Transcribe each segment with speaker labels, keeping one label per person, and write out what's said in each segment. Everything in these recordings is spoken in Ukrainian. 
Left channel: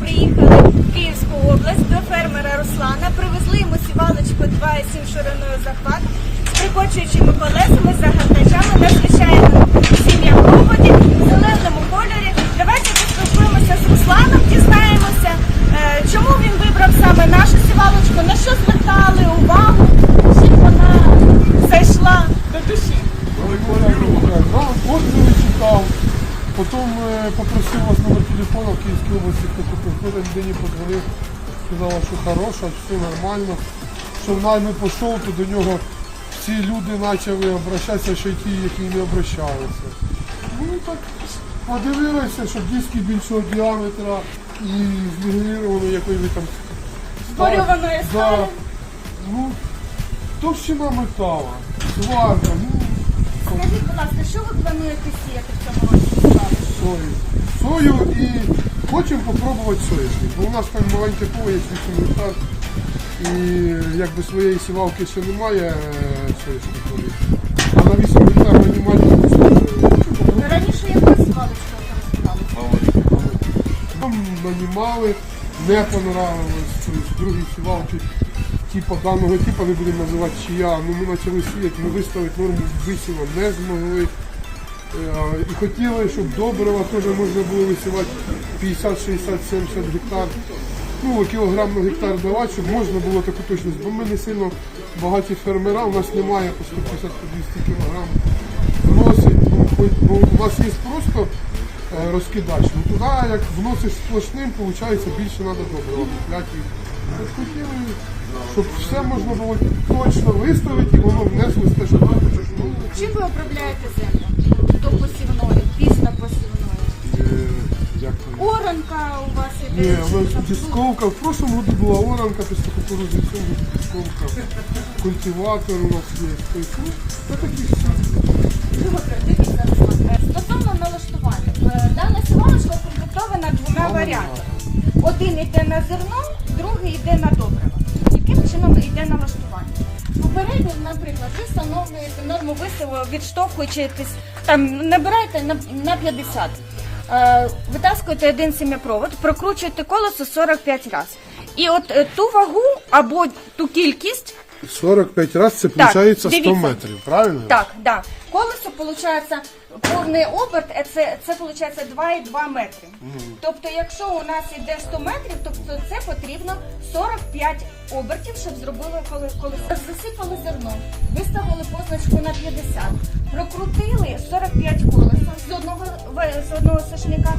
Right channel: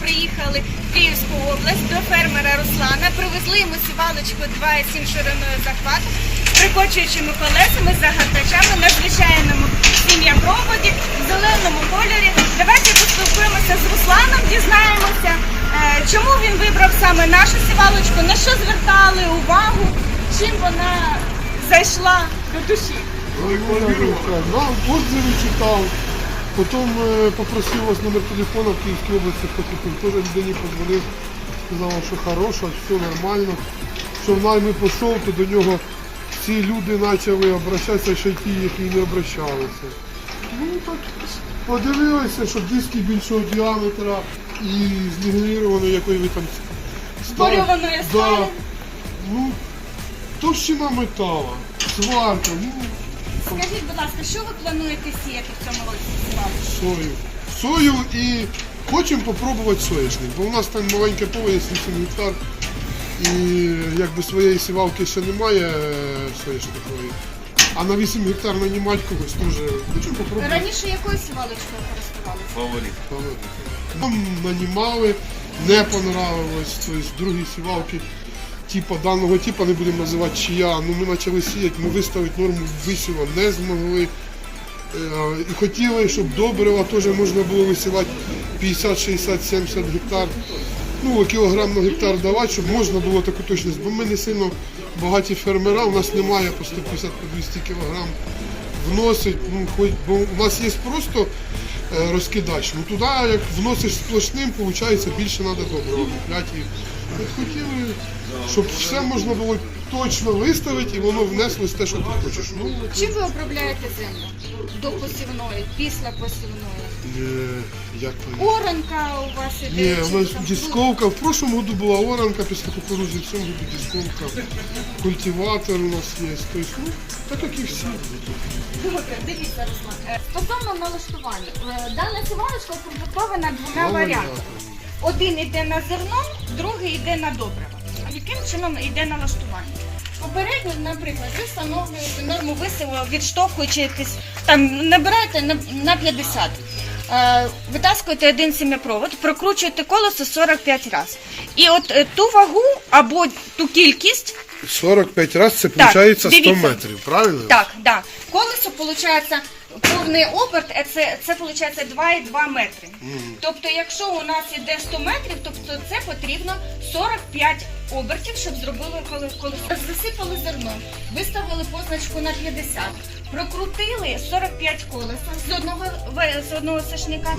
Speaker 1: приїхали в Київську область до фермера Руслана, привезли йому сівалочку 2,7 шириною захвату з прикочуючими колесами, загортачами на звичайному сім'я проводі, в зеленому кольорі. Давайте поспілкуємося з Русланом, дізнаємося, е, чому він вибрав саме нашу сівалочку, на що звертали увагу, чим вона зайшла до душі.
Speaker 2: Нам отзывы потом е, попросив вас номер телефона в Київській області, хто купив, теж людині подзвонив, сказав, що хороша, все нормально. Що в найми пішов, то до нього всі люди почали обращатися, ще й ті, які не обращалися. Ну так подивилися, що диски більшого діаметра і знегелірованої якої ви там стали.
Speaker 1: Зборьованої сталі.
Speaker 2: Да. Ну, товщина метала, сварка, ну,
Speaker 1: Скажіть, будь ласка, що ви плануєте сіяти в цьому році?
Speaker 2: Сою. Сою і хочемо попробувати соняшник, бо у нас там маленьке поле, є 8 гектар. І якби своєї сівалки ще немає е. А на 8 гектар мінімальні ми теж хочемо попробувати.
Speaker 1: Раніше якою сівалочкою користувалися?
Speaker 2: Нам нанімали, не понравилось, тобто другі сівалки. Типа даного типу не будемо називати чия. Ну ми почали сіяти, ми виставити норму висіва не змогли. Е, І хотіли, щоб добрива теж можна було висівати 50, 60, 70 гектар. Ну, кілограм на гектар давати, щоб можна було таку точність. Бо ми не сильно багаті фермера, у нас немає по 150-200 кілограм вносить. Ну, хоч, бо у нас є просто е, розкидач. Ну туди як вносиш сплошним, виходить більше треба добрива. От хотіли, щоб все можна було точно виставити і воно внеслось те, що ти хочеш. Ну,
Speaker 1: Чим ви обробляєте землю до посівної, після посівної?
Speaker 2: е, як?
Speaker 1: Оранка у вас іде?
Speaker 2: Ні, у нас
Speaker 1: там
Speaker 2: дисковка. В прошлом году була оранка після кукурудзи, в цьому году дисковка. Культиватор у нас є. Тобто, ну, та таких всі.
Speaker 1: Добре, дивіться, Руслан. Е, Стосовно налаштування. Е, Дана сівалочка укомплектована двома варіантами. Один йде на зерно, другий йде на добрива. Яким чином йде налаштування? Попередньо, наприклад, ви встановлюєте норму висиву, відштовхуючись, там набираєте на, на 50. Е, витаскуєте один сім'япровод, прокручуєте колесо 45 разів. І от е, ту вагу або ту кількість
Speaker 2: 45 разів це виходить 100
Speaker 1: дивіться.
Speaker 2: метрів, правильно?
Speaker 1: Так, да. Колесо получається повний оберт, е, це, це виходить 2,2 метри. Тобто, якщо у нас іде 100 метрів, тобто це потрібно 45 обертів, щоб зробили коле- колесо. Засипали зерно, виставили позначку на 50, прокрутили 45 колеса з одного в- з одного сашника.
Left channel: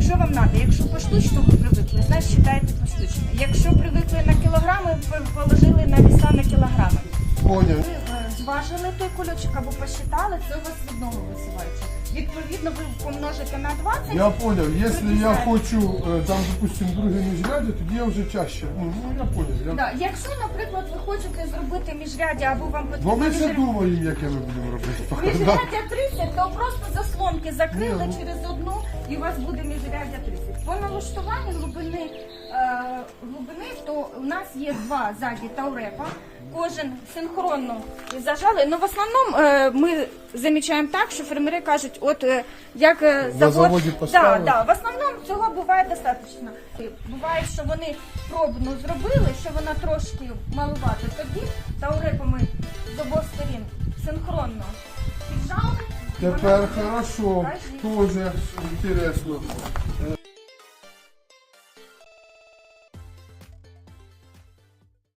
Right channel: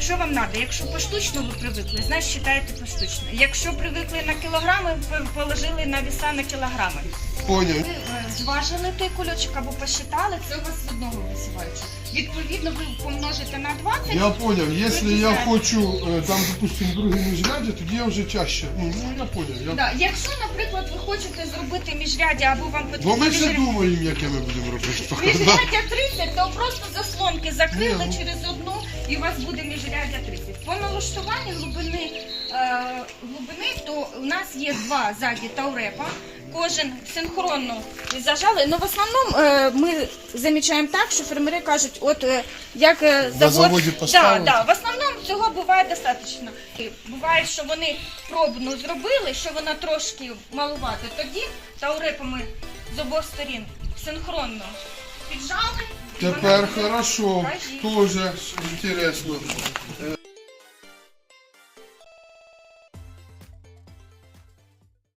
Speaker 1: Що вам треба? Якщо поштучно ви привикли, значить вважаєте поштучно. Якщо привикли на кілограми, положили на віса на кілограми.
Speaker 2: Поняв.
Speaker 1: Ви е, зважили той кульочок або посчитали, це у вас з одного висіваюча. Відповідно, ви помножите на 20.
Speaker 2: Я поняв, якщо я хочу е, там, допустим, другий міжряддя, тоді я вже чаще. Ну, ну я поняв. Я...
Speaker 1: Да. Якщо, наприклад, хочете зробити міжряддя або вам
Speaker 2: Бо ми все
Speaker 1: міжряддя,
Speaker 2: думаємо, яке ми будемо робити.
Speaker 1: міжряддя 30, то просто заслонки закрили
Speaker 2: Ні, ну.
Speaker 1: через одну і у вас буде міжряддя 30. По налаштуванню глибини, е, глибини, то у нас є два ззаді таурепа. Кожен синхронно зажали. Ну в основному е, ми замічаємо так, що фермери кажуть, от е, як е,
Speaker 2: На
Speaker 1: завод
Speaker 2: заводі
Speaker 1: да, да, в основному цього буває достатньо. І Буває, що вони пробну зробили, що вона трошки малувати. Тоді таурепами з обох сторін синхронно піджали. і
Speaker 2: Тепер хорошо,
Speaker 1: Кажіть.
Speaker 2: дуже інтересно. Е,